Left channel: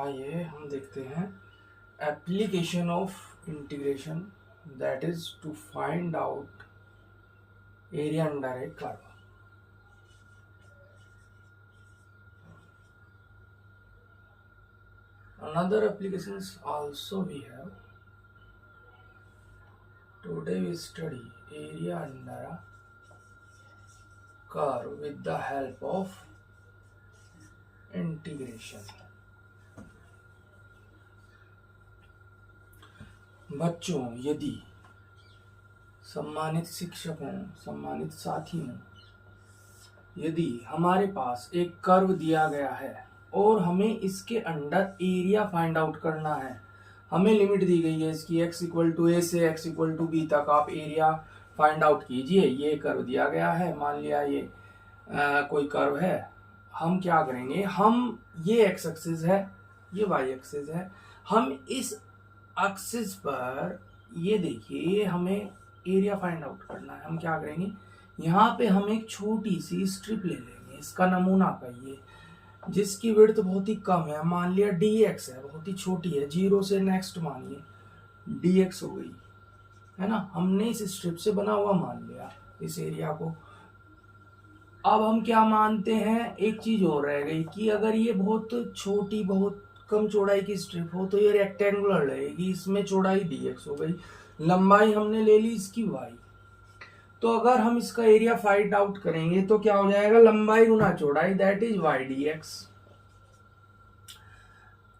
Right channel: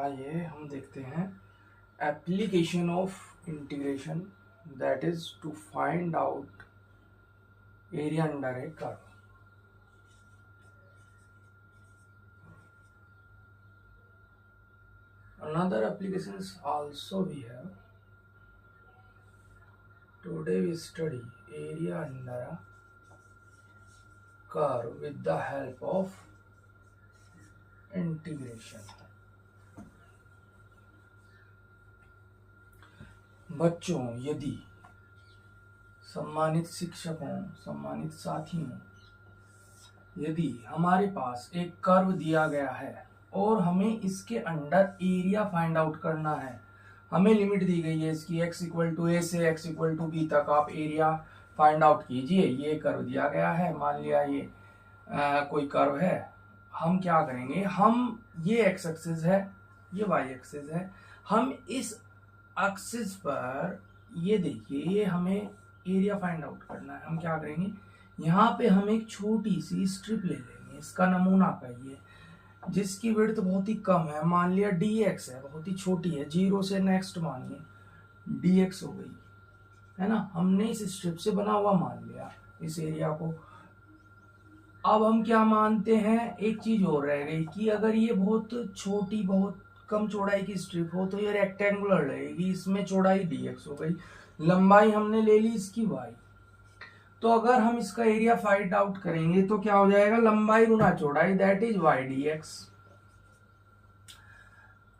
आइए हम देखते हैं application of integration, that is to find out area under a curve. Another applications also we have. Today we study area under a curve with the help of integration. बच्चों, यदि सम्मानित शिक्षकों, सम्मानित साथियों, यदि हमारे पास एक कर्व दिया गया है और हमें इसके अंडर एरिया फाइंड आउट करना है, हमें लिमिट दी गई है इसकी x इक्वल टू ए से x इक्वल टू बी तक आप एरिया फाइंड आउट कीजिए। ये कर्व दिया गया है, मान लिया ये कोई कर्व है। हम क्या करेंगे, हम ये x एक्सिस है, ये y एक्सिस है, हम इस एक्सिस पर ये देखिए, ये हमें एरिया फाइंड आउट करना है। हम क्या करेंगे, यहाँ पे हम एक छोटी सी स्ट्रिप ले लेंगे, इसका नमूना कहिए, जिसकी विड्थ बहुत ही कम है, मान लिया dx है, बहुत ही छोटी है, 0 से नेक्स्ट मानिए dx हो गई है ना। हमने इस स्ट्रिप से बना हुआ मान लिया इस एरिया को। अब हम क्या मानते हैं, एक चीज और रह गई कि अगर ये बहुत छोटी, बहुत कम चौड़ाई की स्ट्रिप हो तो ये रेक्टेंगुलर रहेगी, इसमें चौड़ाई dx हो गई, लंबाई हमने ले ली इसकी y। तो अगर हम इसका एरिया फाइंड आउट करेंगे तो क्या हो जाएगा, लंबाई गुना चौड़ाई, दैट इज y dx।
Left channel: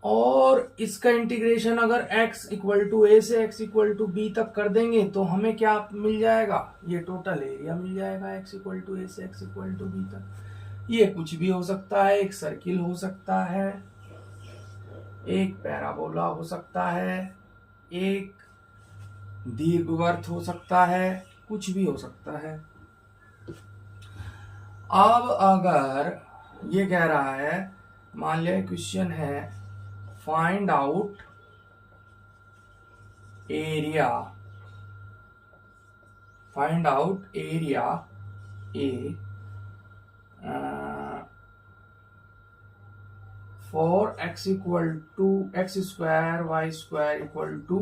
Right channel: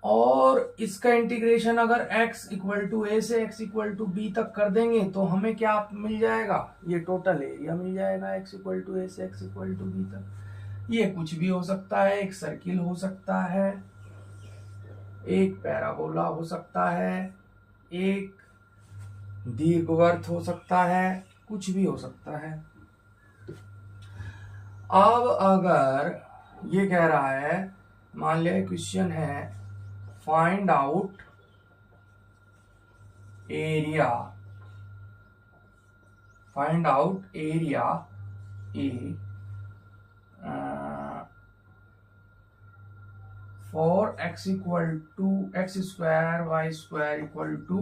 और इसका इंटीग्रेशन अगर x इक्वल टू ए से x इक्वल टू बी तक कर देंगे तो हमें क्या मिल जाएगा, ये टोटल एरिया मिल जाएगा x इक्वल टू ए से x इक्वल टू बी तक। ये कुछ भी हो सकता है, एक सर्किल हो सकता है, एक पैराबोला हो सकता है, एक दीर्घवृत्त हो सकता है, कुछ भी हो सकता है। अब अगर ये कह रहा है, मान लिया क्वेश्चन है find out area, find out area a for x equal to x square y square equal to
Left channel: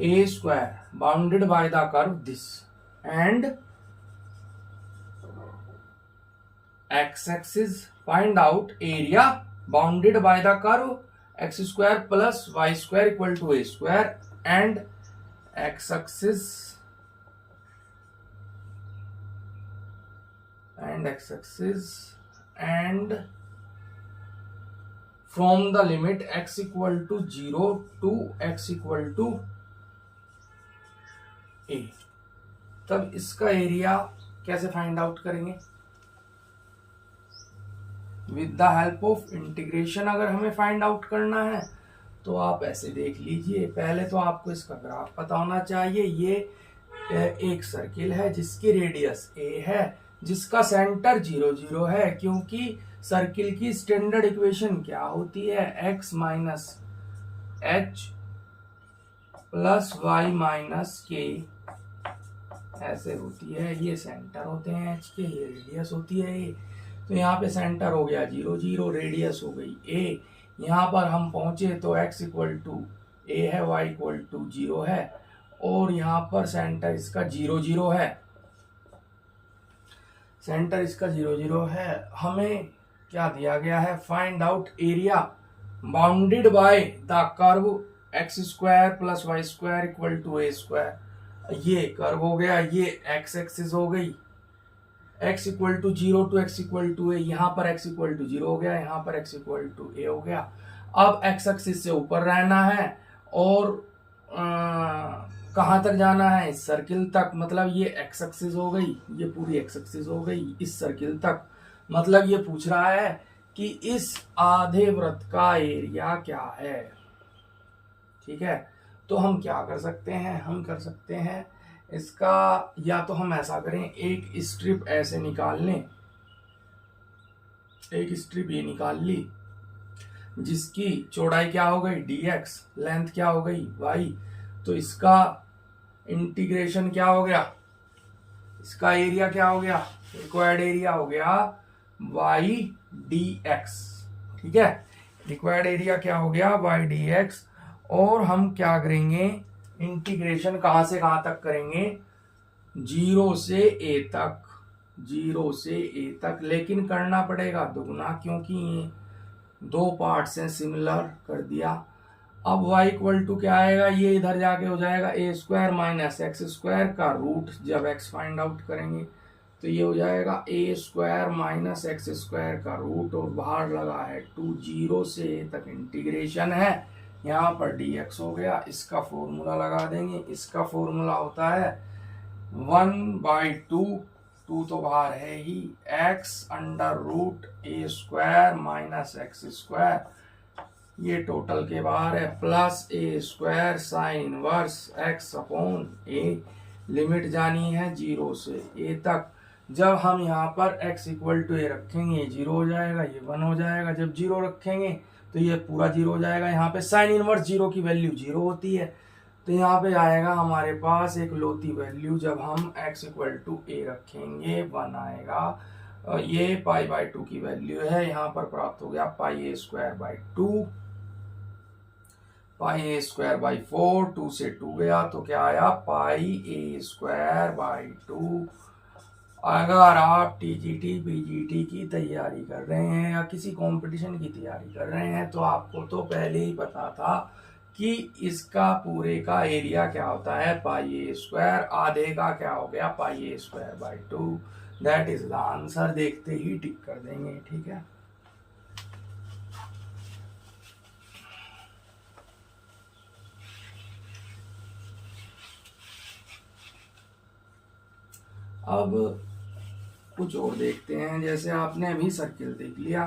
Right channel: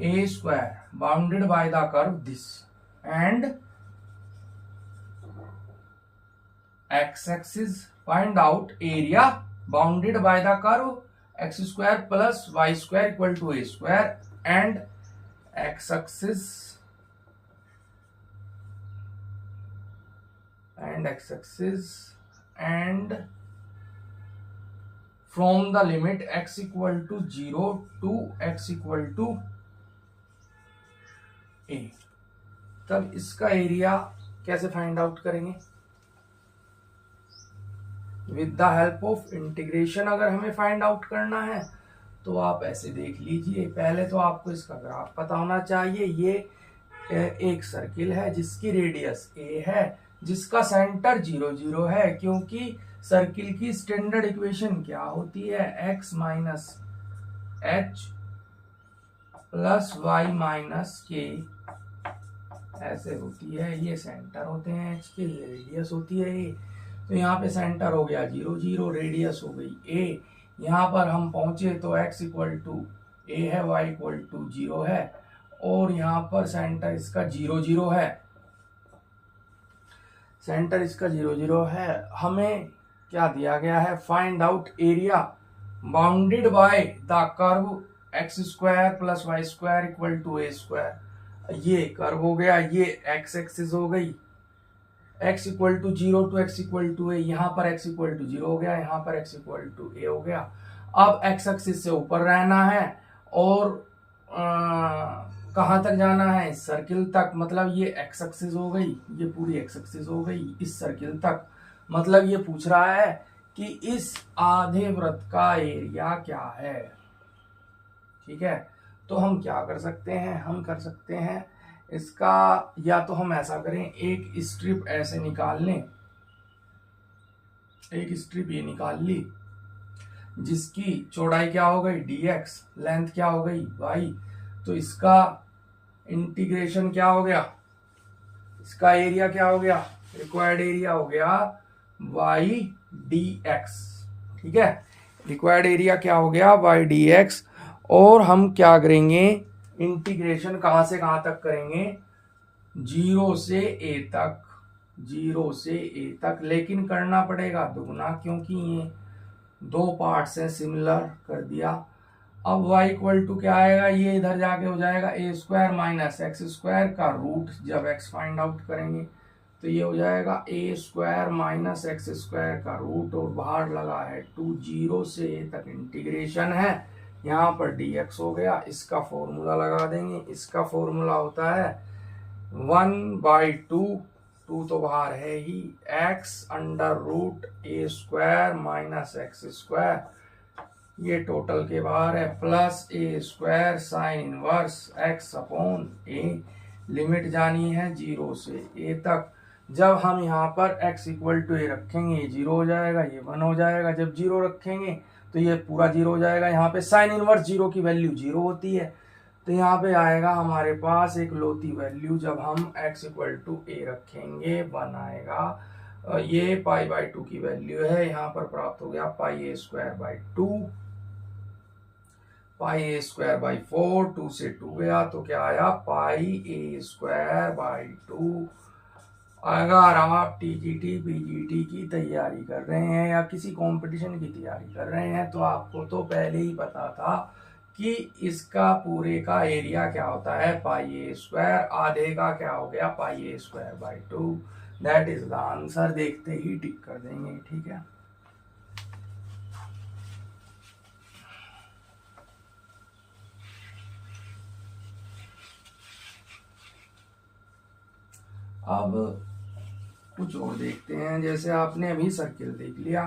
a square bounded by the curve this and x-axis find out area bounded by the curve x square plus y square equal to a square and x-axis and from the limit x equal to 0 to x equal to a। तब इसका area कैसे find out करेंगे, with the help of integration. अगर हमें find out करना है तो आप ऐसे देख लीजिए, पहले तो आपको इसका ग्राफ पता होना चाहिए। ये एक सर्किल है जिसकी रेडियस a है, जिसका सेंटर 0 0 है, क्योंकि सर्किल की स्टैंडर्ड इक्वेशन क्या होती है, x minus h plus y minus k ऐसे होती है। ये सेंटर होते हैं h के, ये रेडियस होती है a। तो यहाँ पे सेंटर हो गया 0 0, रेडियस हो गई a। यहाँ पर हम पहुंचे तो x इक्वल टू a है, y इक्वल टू 0 है, और यहाँ पर सेंटर इसका 0 0 है, सेंटर इसका 0 0 है। हमें क्या दिया गया है, find out area bounded by the curve x square plus y square equal to a square. ये कर्व हो गया, ये x एक्सिस हो गई, x equal to 0 to x equal to a, यहाँ पर x इक्वल टू 0 हो गया, यहाँ पर x इक्वल टू a हो गया। अब x एक्सिस से ऊपर रहना है और कहाँ तक जाना है, इस सर्किल तक। मतलब ये x एक्सिस हो गई, ये पूरी x एक्सिस हो गई इस सर्किल तक। मतलब ये पूछ रहा है कि इस आधे वृत्त का एरिया क्या है। ठीक है, तो हम क्या कर सकते हैं, हम कर सकते हैं इसका, या तो हम ऐसा करें, एक स्ट्रिप ऐसे निकाल लें, एक स्ट्रिप ये निकाल ली जिसकी चौड़ाई क्या हो गई dx, लेंथ क्या हो गई y। तो इसका इंटीग्रेशन क्या हो गया, इसका एरिया क्या हो गया, रिक्वायर्ड एरिया हो गया y dx। ठीक है, रिक्वायर्ड एरिया क्या हो गया y dx, और हम क्या करेंगे, इंटीग्रेशन कहाँ से कहाँ तक करेंगे, 0 से a तक, 0 से a तक, लेकिन करना पड़ेगा दुगना क्योंकि ये दो पार्ट्स हैं, सिमिलर कर दिया। अब y इक्वल टू क्या आएगा, ये इधर जाके हो जाएगा a square minus x square का रूट, जब x फाइंड आउट करेंगे तो ये हो जाएगा a square minus x square का रूट, और बाहर लगा है 2, 0 से a तक इंटीग्रेशन है, यहाँ पर dx हो गया। इसका फॉर्मूला लगा देंगे, इसका फॉर्मूला होता है 1/2, 2 तो बाहर है ही, x under root a square minus x square, ये टोटल के बाहर है, plus a square sine inverse x upon a, limit जानी है 0 से a तक। जब हम यहाँ पर x इक्वल टू a रखेंगे, ये 0 हो जाएगा, ये 1 हो जाएगा, जब 0 रखेंगे तो ये पूरा 0 हो जाएगा। यहाँ पे साइन इनवर्स 0 की वैल्यू 0 होती है, तो यहाँ पे आएगा हमारे पास एक लोती वैल्यू, जब हम x इक्वल टू a रखेंगे 1 आएगा। ये π/2 की वैल्यू है, यहाँ पर प्राप्त हो गया πa square by 2, πa square by 4, 2 से 2 गया तो क्या आया, πa स्क्वायर बाई 2। अगर आप टीजीटी पीजीटी की तैयारी कर रहे हैं या किसी कंपटीशन की तैयारी कर रहे हैं तो आपको तो पहले ही पता था कि इसका पूरे का एरिया क्या होता है, πa स्क्वायर, आधे का क्या हो गया, πa square by 2, that is the answer. देखते ही टिक कर देंगे, ठीक है। अब कुछ और देखते हैं, जैसे आपने अभी सर्किल देख लिया।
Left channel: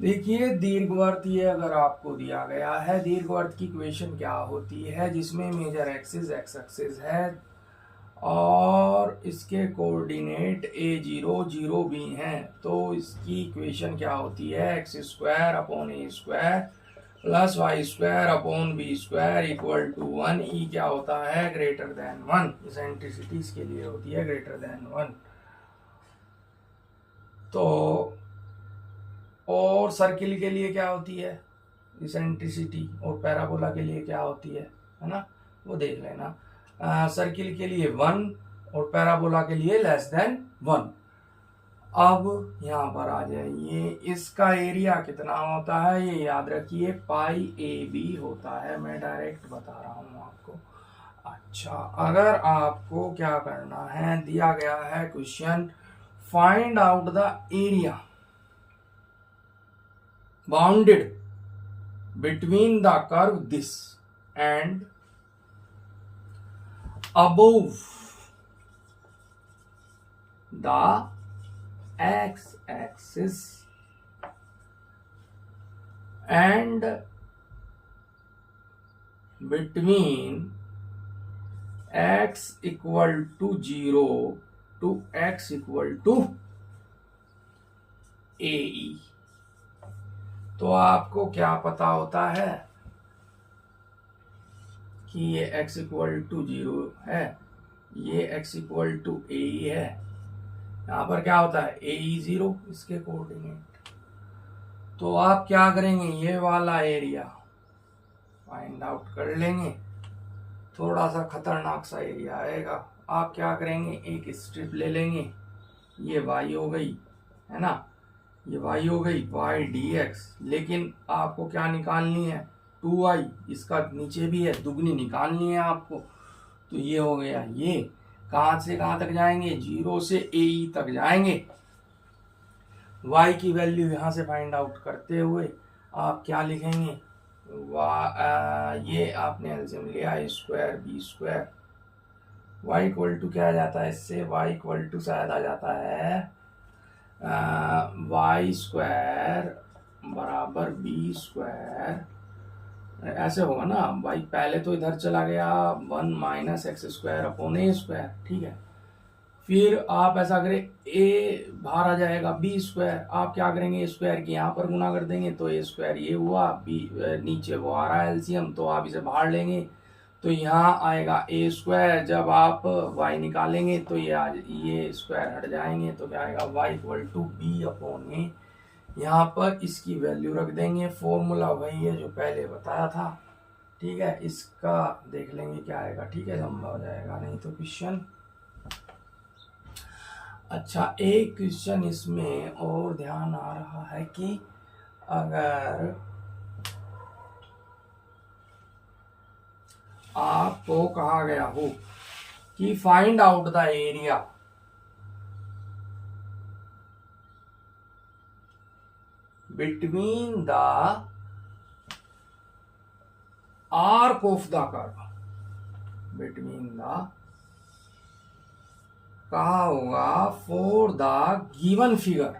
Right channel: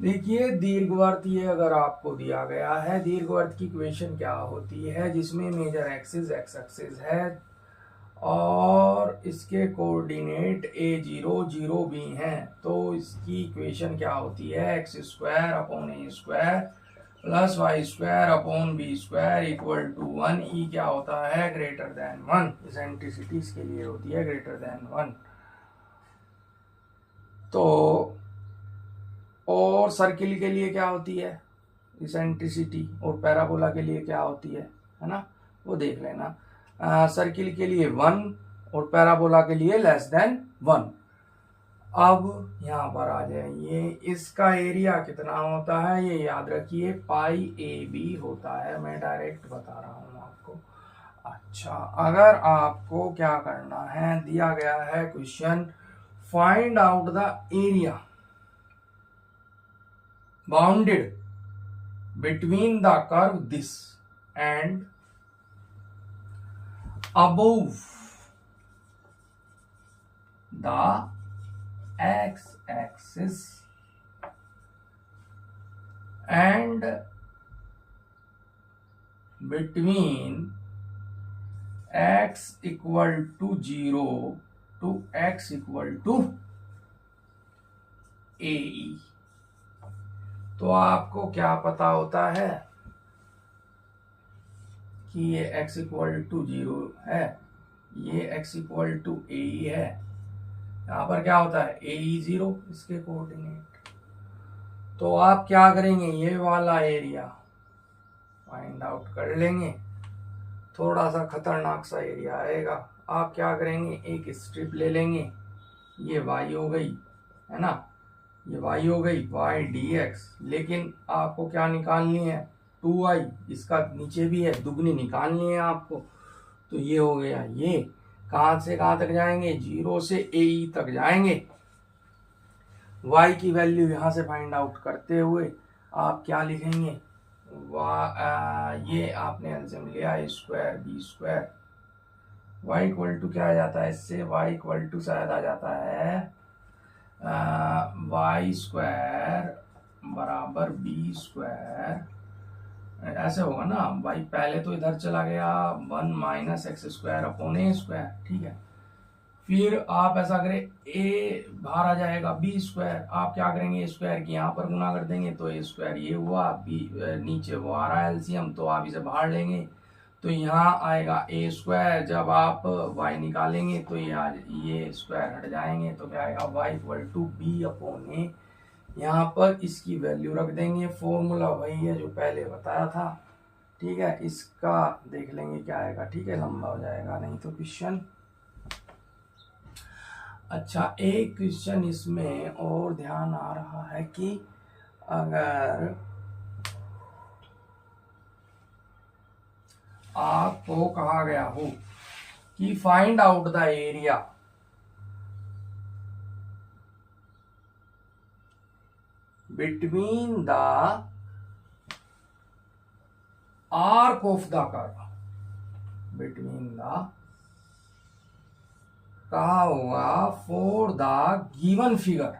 देखिए दीर्घवृत्त ये अगर आपको दिया गया है, दीर्घवृत्त की इक्वेशन क्या होती है, जिसमें मेजर एक्सिस x एक्सिस है और इसके कोऑर्डिनेट a0 0 भी हैं, तो इसकी इक्वेशन क्या होती है, x square upon a square plus y square upon b square equal to 1। E क्या होता है, ग्रेटर देन 1, इसेंट्रिसिटी इसके लिए होती है ग्रेटर देन 1। तो और सर्किल के लिए क्या होती है इसेंट्रिसिटी, और पैराबोला के लिए क्या होती है ना, वो देख लेना। सर्किल के लिए 1 और पैराबोला के लिए लेस देन 1। अब यहाँ पर आ जाइए, इसका एरिया कितना होता है, ये याद रखिए πAB होता है, मैं डायरेक्ट बता रहा हूँ आपको। अच्छा, अगर आपको क्या करना है, दिया गया है question, find out the area bounded between the curve this and above the x-axis and between x equal to 0 to x equal to AE। तो आपको क्या पता होता है कि ये x इक्वल टू 0 है, ये x इक्वल टू AE है, यहाँ पर क्या होता है AE 0, इसके कोऑर्डिनेट। तो आप क्या करेंगे, ये वाला एरिया फाइंड आउट कर लेंगे, थोड़ा सा खतरनाक सा एरिया आएगा। आप क्या करेंगे, एक स्ट्रिप ले लेंगे, ये y हो गई है ना, ये y हो गई y dx, लेकिन आपको क्या निकालनी है 2y, इसका नीचे भी है, दुगनी निकालनी है आपको। तो ये हो गया, ये कहाँ से कहाँ तक जाएंगे, 0 से AE तक जाएंगे। y की वैल्यू यहाँ से फाइंड आउट करते हुए आप क्या लिखेंगे, ये आपने एल्सियम लिया a square b square, y equal to क्या आ जाता है इससे, y इक्वल टू शायद आ जाता है y स्क्वायर बराबर b स्क्वायर, ऐसे होगा ना, y पहले तो इधर चला गया 1 minus x square upon a square, ठीक है। फिर आप ऐसा करें, a बाहर आ जाएगा b स्क्वायर, आप क्या करेंगे, a स्क्वायर की यहाँ पर गुना कर देंगे तो a स्क्वायर ये हुआ, b नीचे वो आ रहा है एलसीएम, तो आप इसे बाहर लेंगे तो यहाँ आएगा a स्क्वायर। जब आप y निकालेंगे तो ये स्क्वायर हट जाएंगे, तो क्या आएगा y equal to b upon a। यहाँ पर इसकी वैल्यू रख देंगे, फॉर्मूला वही है जो पहले बताया था। ठीक है, इसका देख लेंगे क्या आएगा। ठीक है, लंबा हो जाएगा नहीं तो क्वेश्चन। अच्छा, एक क्वेश्चन इसमें और ध्यान आ रहा है कि अगर आपको कहा गया हो कि find out the area between the arc of the curve, between the कहा होगा for the given figure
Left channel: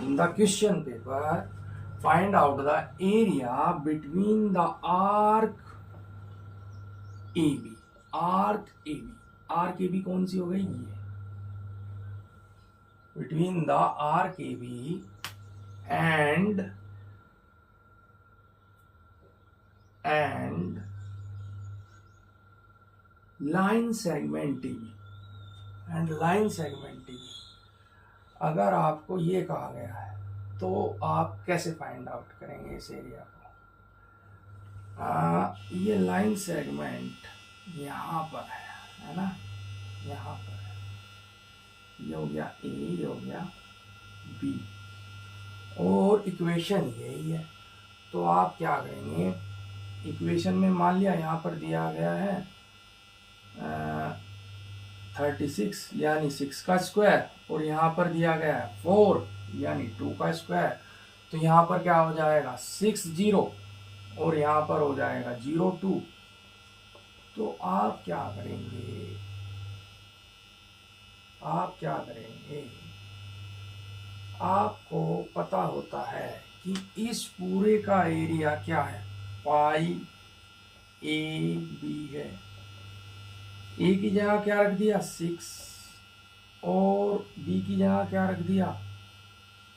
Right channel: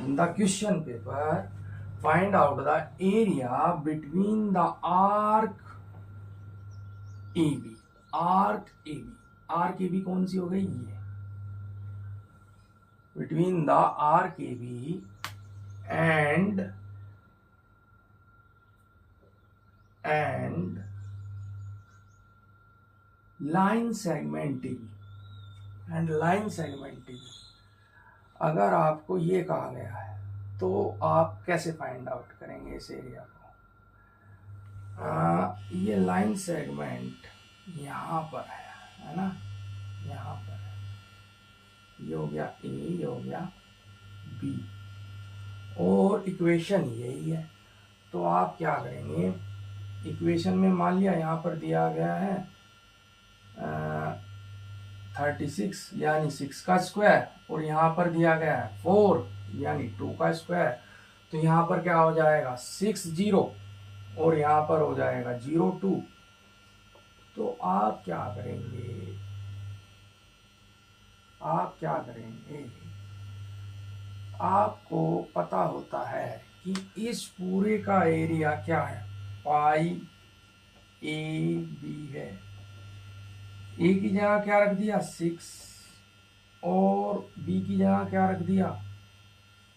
in the question paper, find out the area between the arc a b. Arc a b, arc a b कौन सी हो गई? ये between the arc a b and line segment a b, and line segment a b. अगर आपको ये कहा गया है तो आप कैसे फाइंड आउट करेंगे इस एरिया को? ये लाइन सेगमेंट यहाँ पर है ना, यहाँ पर है। ये हो गया ए, ये हो गया बी, और इक्वेशन यही है। तो आप क्या करेंगे, इक्वेशन में मान लिया यहाँ पर दिया गया है 36 यानी 6 का स्क्वायर, और यहाँ पर दिया गया है 4 यानी 2 का स्क्वायर। तो यहाँ पर क्या हो जाएगा 6 0, और यहाँ पर हो जाएगा 0 2। तो आप क्या करेंगे, आपको पता होता है कि इस पूरे का एरिया क्या है, पाई ए बी है। ए की जगह क्या रख दिया 6, और बी की जगह क्या रख दिया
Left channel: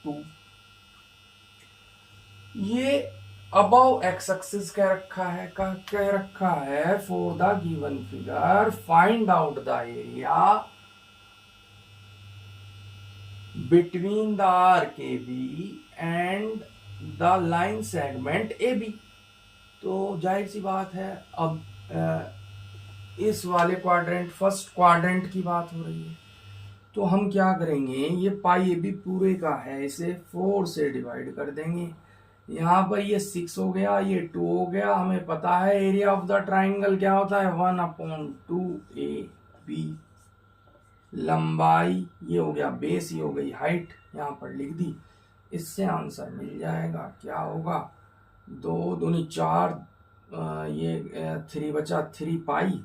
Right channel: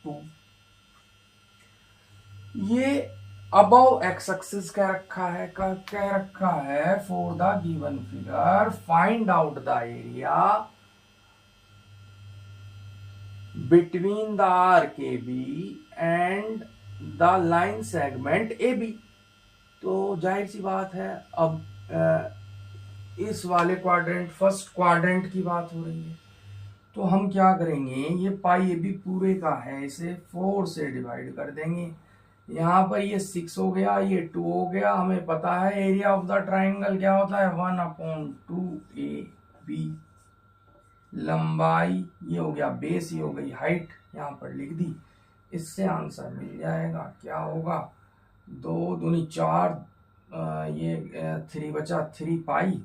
2। ये अबव एक्स एक्सिस कह रखा है for the given figure find out the area between the arc a b and the line segment a b. तो जाहिर सी बात है, अब इस वाले क्वाड्रेंट, फर्स्ट क्वाड्रेंट की बात हो रही है। तो हम क्या करेंगे, ये पाई ए बी पूरे का है, इसे 4 से डिवाइड कर देंगे। यहाँ पर ये 6 हो गया, ये 2 हो गया। हमें पता है एरिया ऑफ द ट्राइंगल क्या होता है 1/2 ए बी। लंबाई ये हो गया बेस, ये हो गई हाइट, यहाँ पर लिख दी। इससे आंसर मिल जाएगा, क्या होगा 2 दूनी 4, ये 3 बचा 3 पाई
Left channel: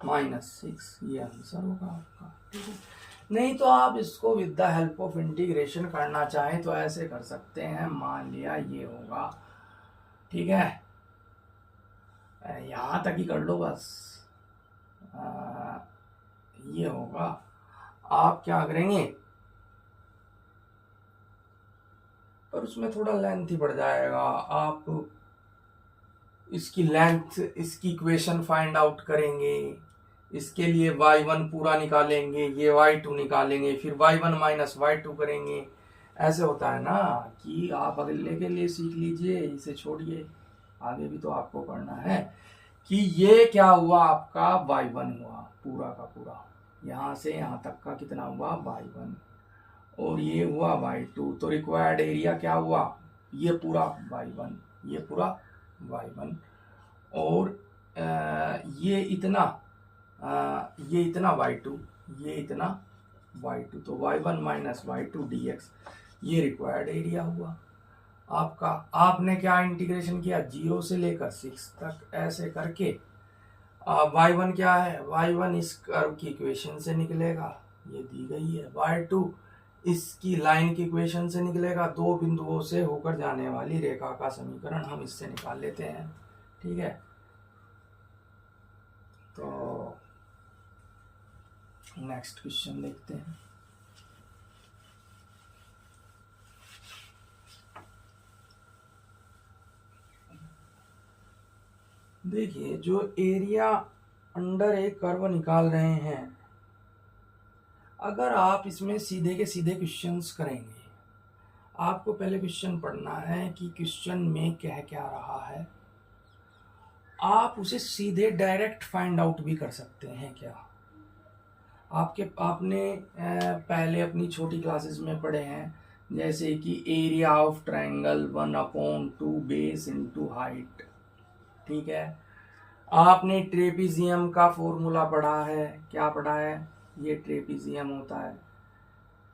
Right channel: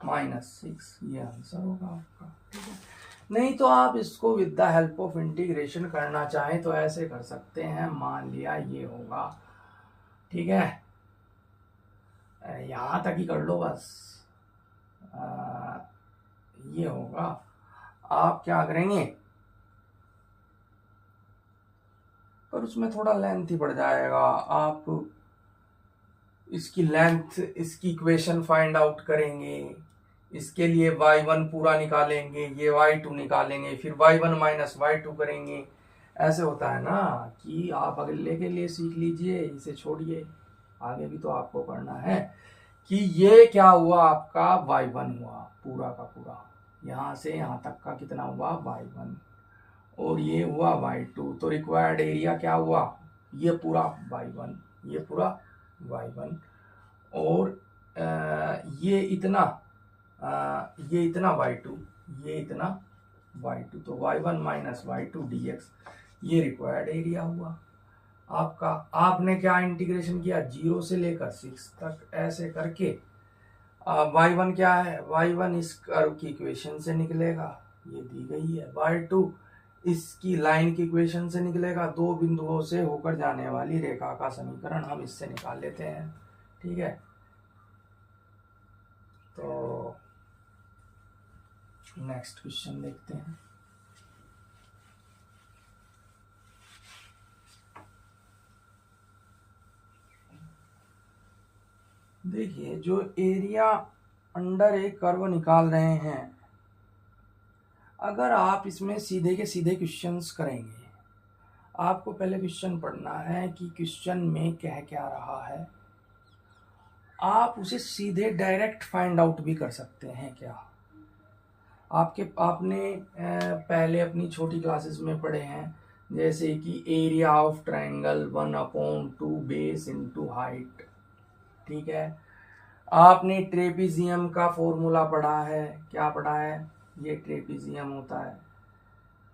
-6, ये आंसर होगा आपका। ठीक है, नहीं तो आप इसको with the help of integration करना चाहें तो ऐसे कर सकते हैं। मान लिया ये होगा, ठीक है, यहाँ तक ही कर लो बस। ये होगा, आप क्या करेंगे, पर उसमें थोड़ा लेंथ ही बढ़ जाएगा। आप इसकी लेंथ, इसकी इक्वेशन फाइंड आउट करेंगे, इसके लिए y1 पूरा निकालेंगे, ये y2 निकालेंगे, फिर y1 माइनस y2 करेंगे। ऐसे होता है ना, कि आप अगले के लिए सीख लीजिए, इसे छोड़िए, आगे भी तो आपको करना है। कि ये क्या हुआ आपका y1 हुआ पूरा का पूरा, यहाँ से यहाँ तक का कितना हुआ y1, और ये हुआ y2। तो रिक्वायर्ड एरिया क्या हुआ, ये पूरा y1, ये पूरा y1, और ये इतना y2, ये इतना y2। तो y1 माइनस y2 dx, ये रिक्वायर्ड एरिया हुआ आपका। आपने क्या इंटीग्रेशन किया 0 से लेकर 6 तक, ऐसे करके y1 क्या है, y1 इस कर्व की इक्वेशन से निकलेगा, ये दी गई है। y2 इसकी लाइन की इक्वेशन से निकलेगा, 2 बिंदुओं से होकर जाने वाली रेखा का समीकरण हम इससे निकाल लेते हैं। ठीक है, तो नेक्स्ट क्वेश्चन देखते हैं। देखिए, जो एरिया अंडर एक कर्व निकाल रहे हैं, अगर आप इसमें सीधे के सीधे क्वेश्चंस करेंगे आपको पहले क्वेश्चन पढ़ना है कि क्वेश्चन में कह क्या रहा है। आप उसे सीधे डायरेक्ट फाइंड आउट भी कर सकते हैं क्या। आपने पहले अपनी छोटी क्लासेस में पढ़े हैं, जैसे कि area of triangle 1/2 base into height. ठीक है, आपने ट्रेपीजियम का फॉर्मूला पढ़ा है। क्या पढ़ा है? ये ट्रेपीजियम होता है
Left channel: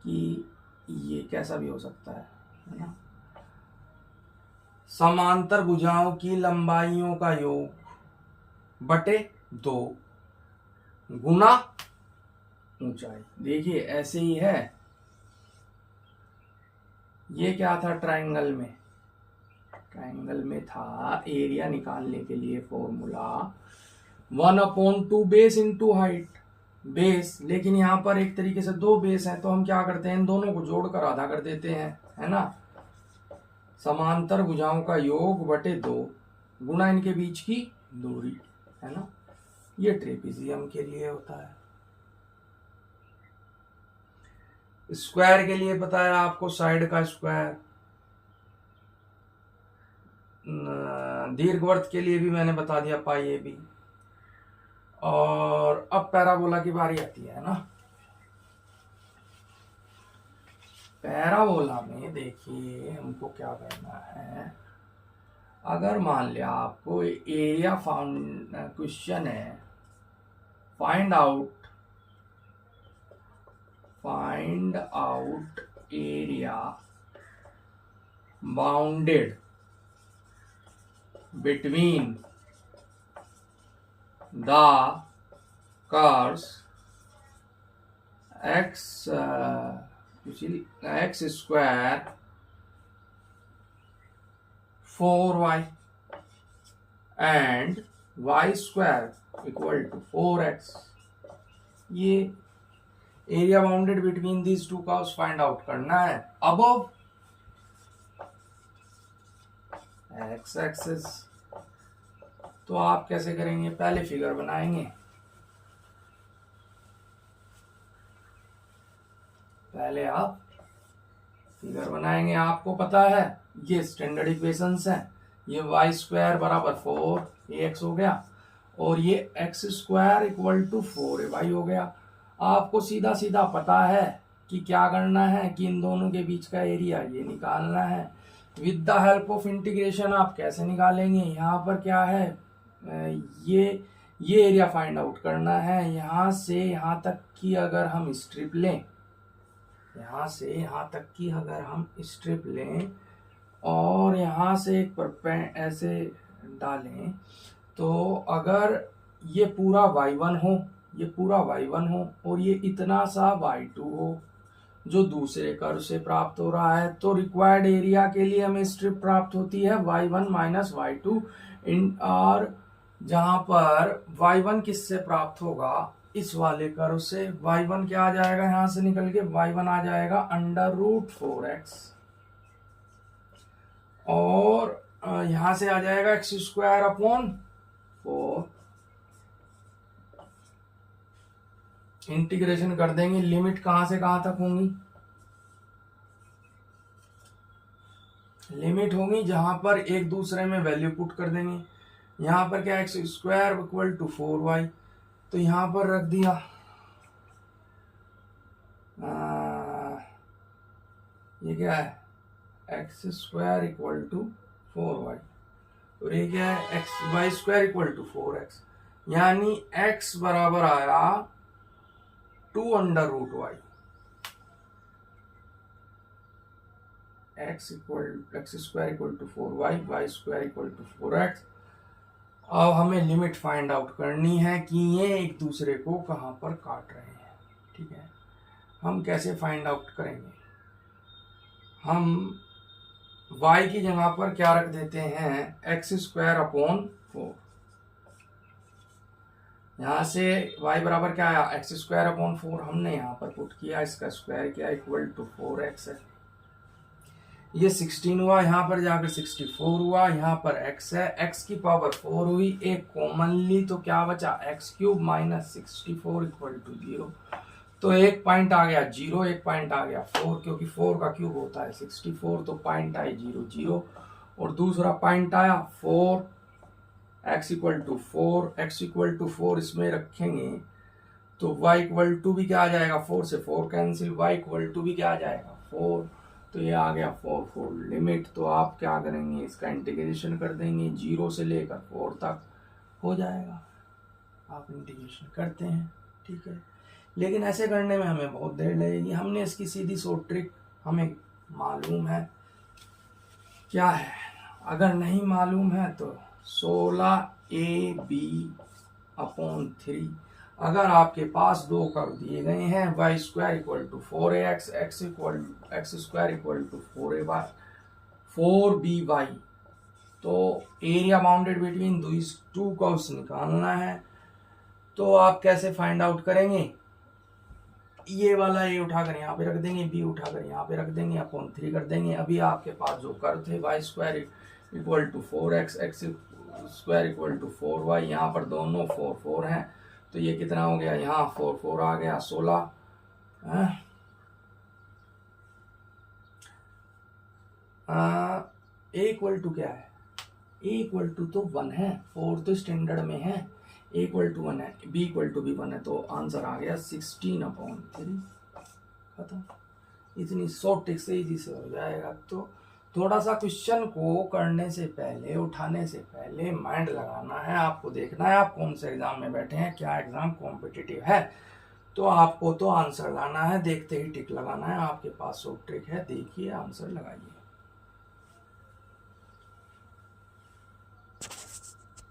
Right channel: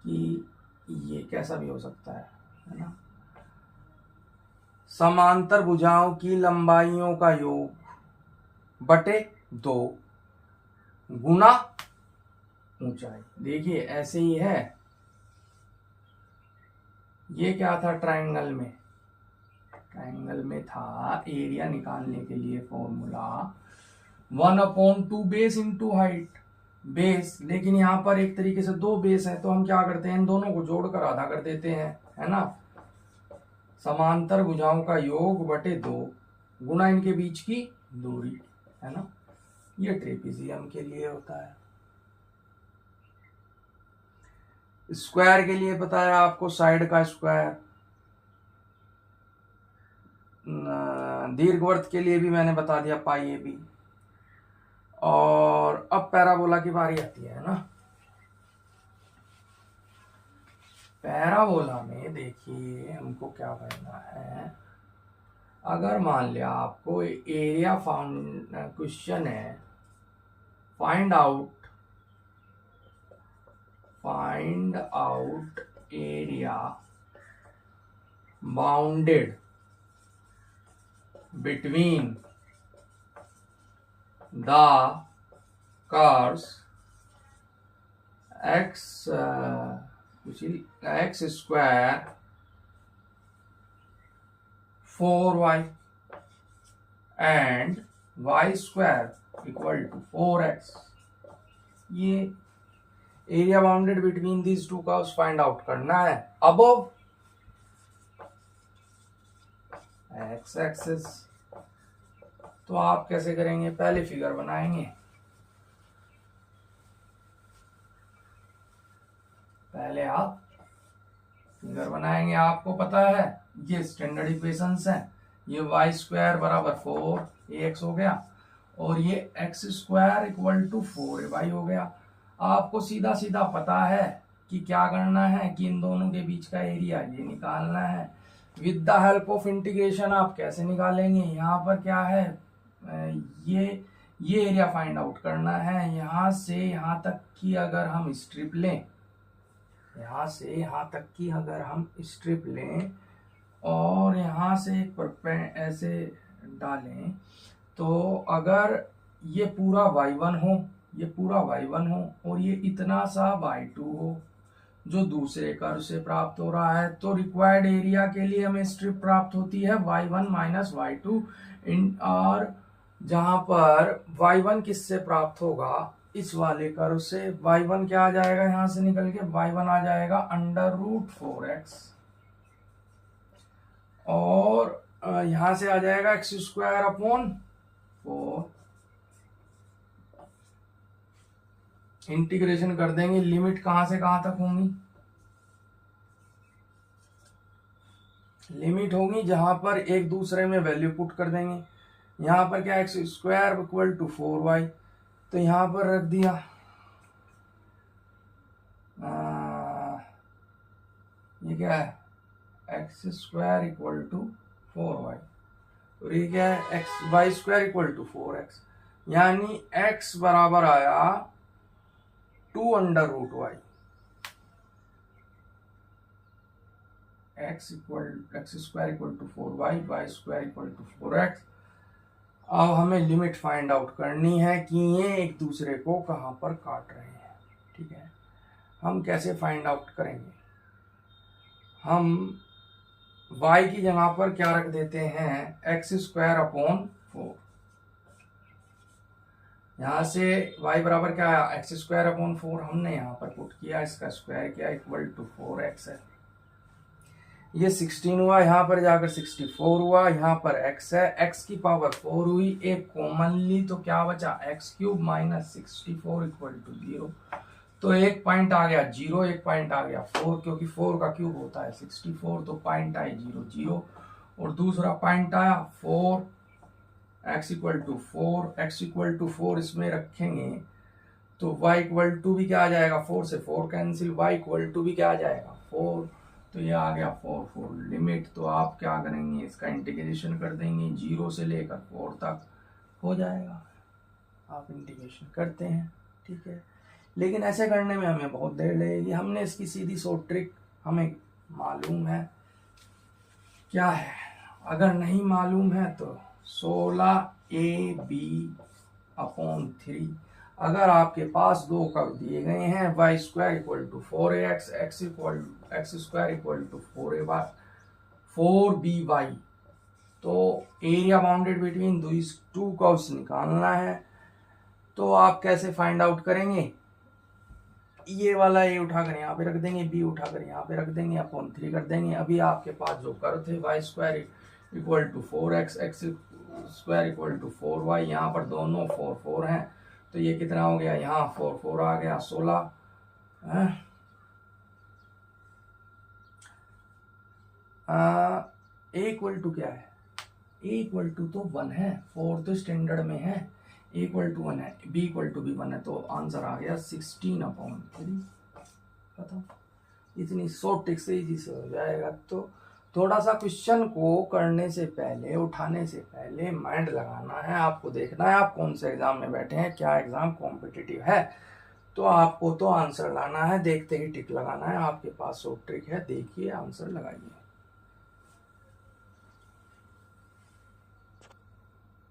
कि ये कैसा भी हो सकता है ना। समांतर भुजाओं की लंबाइयों का योग बटे 2 गुना ऊंचाई। देखिए ऐसे ही है। ये क्या था? ट्रायंगल में था एरिया निकालने के लिए formula 1/2 base into height. Base, लेकिन यहाँ पर एक तरीके से 2 बेस हैं, तो हम क्या करते हैं, इन दोनों को जोड़कर आधा कर देते हैं, है ना। समांतर भुजाओं का योग बटे 2 गुना इनके बीच की दूरी, है ना। ये ट्रेपीजियम के लिए होता है। स्क्वायर के लिए पता है आपको, साइड का स्क्वायर। दीर्घवृत्त के लिए भी मैंने बता दिया, पाई ए बी। और अब पैराबोला की बारी आती है ना। पैराबोला में देखिए हमको क्या करना है। अगर मान लिया आपको एरिया क्वेश्चन है, find out area bounded between the curves x square 4y and y square equal to 4x। ये area bounded between these two curves find out करना है अबव x एक्सिस। तो आप कैसे करेंगे? पहले फिगर बनाएंगे, आपको पता है ये स्टैंडर्ड इक्वेशंस हैं। ये y स्क्वायर बराबर 4ax हो गया और ये x square equal to 4ay हो गया। आपको सीधा सीधा पता है कि क्या करना है, कि इन दोनों के बीच का एरिया ये निकालना है। With the help of integration आप कैसे निकालेंगे? यहाँ पर क्या है, ये एरिया फाइंड आउट करना है। यहाँ से यहाँ तक की अगर हम स्ट्रिप लें, और यहाँ से एक ऐसे डालें, तो अगर ये पूरा y1 हो और ये इतना सा y2 हो जो दूसरे कर्व से प्राप्त हो रहा है, तो रिक्वायर्ड एरिया के लिए हमें स्ट्रिप प्राप्त होती है y1 माइनस y2 और जहां पर y1 किससे प्राप्त होगा, इस वाले कर्व से। y1 क्या आ जाएगा, यहां से निकल के y1 आ जाएगा √4x और यहां से आ जाएगा x स्क्वायर अपॉन 4। इंटीग्रेशन कर देंगे, लिमिट कहां से कहां तक होंगी? लिमिट होगी जहां पर एक दूसरे में वैल्यू पुट कर देंगे। यहां पर क्या, x square equal to 4y, तो यहां पर रख दिया ये क्या है, x square equal to 4y और ये क्या है, Y square equal to 4x, यानी x बराबर आया 2√y। X square equal to 4y, y square equal to 4x। अब हमें लिमिट फाइंड आउट करनी है कि ये एक दूसरे को कहां पर काट रहे हैं। ठीक है, हम कैसे फाइंड आउट करेंगे? हम y की जगह पर क्या रख देते हैं, एक्स स्क्वायर अपॉन 4। यहां से y बराबर क्या आया, एक्स स्क्वायर अपॉन 4 हमने यहां पर पुट किया, इसका स्क्वायर किया इक्वल टू 4x है। ये 16 हुआ, यहाँ पर जाकर 64 हुआ, यहाँ पर x है, x की पावर 4 हुई, एक कॉमन ली तो क्या बचा, x³ माइनस 64 इक्वल टू 0। तो एक पॉइंट आ गया 0, एक पॉइंट आ गया 4, क्योंकि 4 का क्यूब होता है 64, तो पॉइंट आए 0 0, और दूसरा पॉइंट आया 4, x equal to 4, x equal to 4 इसमें रखेंगे तो y इक्वल टू भी क्या आ जाएगा, 4 से 4 कैंसिल, y इक्वल टू भी क्या आ जाएगा 4, तो ये आ गया 4 4 लिमिट। तो आप क्या करेंगे, इसका इंटीग्रेशन कर देंगे 0 से लेकर 4 तक हो जाएगा। आप इंटीग्रेशन करते हैं, ठीक है, लेकिन ऐसे करने में हमें बहुत देर लगेगी। हमने इसकी सीधी शॉर्ट ट्रिक हमें मालूम है क्या है, अगर नहीं मालूम है तो 16ab/3। अगर आपके पास दो कर्व दिए गए हैं, y square equal to 4ax, x square equal to 4by, तो area bounded between these two curves निकालना है। तो आप कैसे फाइंड आउट करेंगे, ये वाला a उठाकर यहाँ पे रख देंगे, b उठाकर यहाँ पे रख देंगे, अपॉन 3 कर देंगे। अभी आपके पास जो कर्व थे y square equal to 4x, x square equal to 4y, यहाँ पर दोनों 4 4 हैं, तो ये कितना हो गया, यहाँ 4 4 आ गया 16। a इक्वल टू क्या है, a इक्वल टू तो 1 है, 4 तो स्टैंडर्ड में है, a इक्वल टू 1 है, b इक्वल टू भी 1 है, तो आंसर आ गया 16/3। खत्म। इतनी शॉर्ट ट्रिक से इजी से हो जाएगा। तो थोड़ा सा क्वेश्चन को करने से पहले, उठाने से पहले माइंड लगाना है, आपको देखना है आप कौन से एग्जाम में बैठे हैं, क्या एग्जाम कॉम्पिटिटिव है, तो आपको तो आंसर लाना है, देखते ही टिक लगाना है। आपके पास शॉर्ट ट्रिक है, देखिए आंसर लगाइए।